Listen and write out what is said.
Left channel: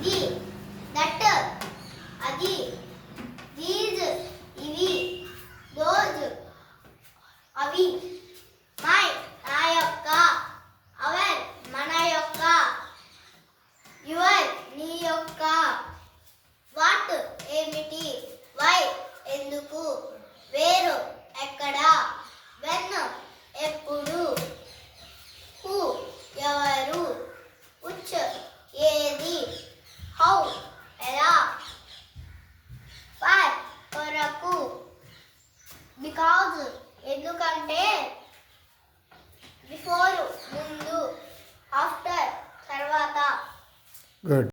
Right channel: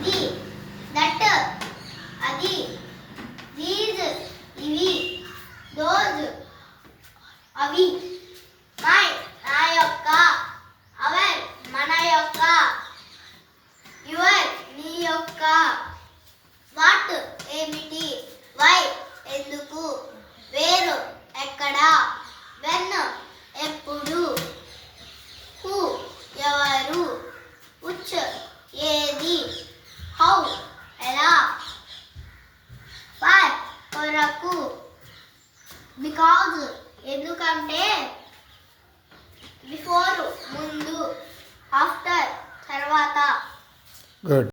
ఇది, దట్ అది, దీస్ ఇవి, దోస్ అవి, మై నా యొక్క, అవర్ మన యొక్క, యువర్ నీ యొక్క, వాట్ ఏమిటి, వై ఎందుకు, వేరు ఎక్కడ, వెన్ ఎప్పుడు.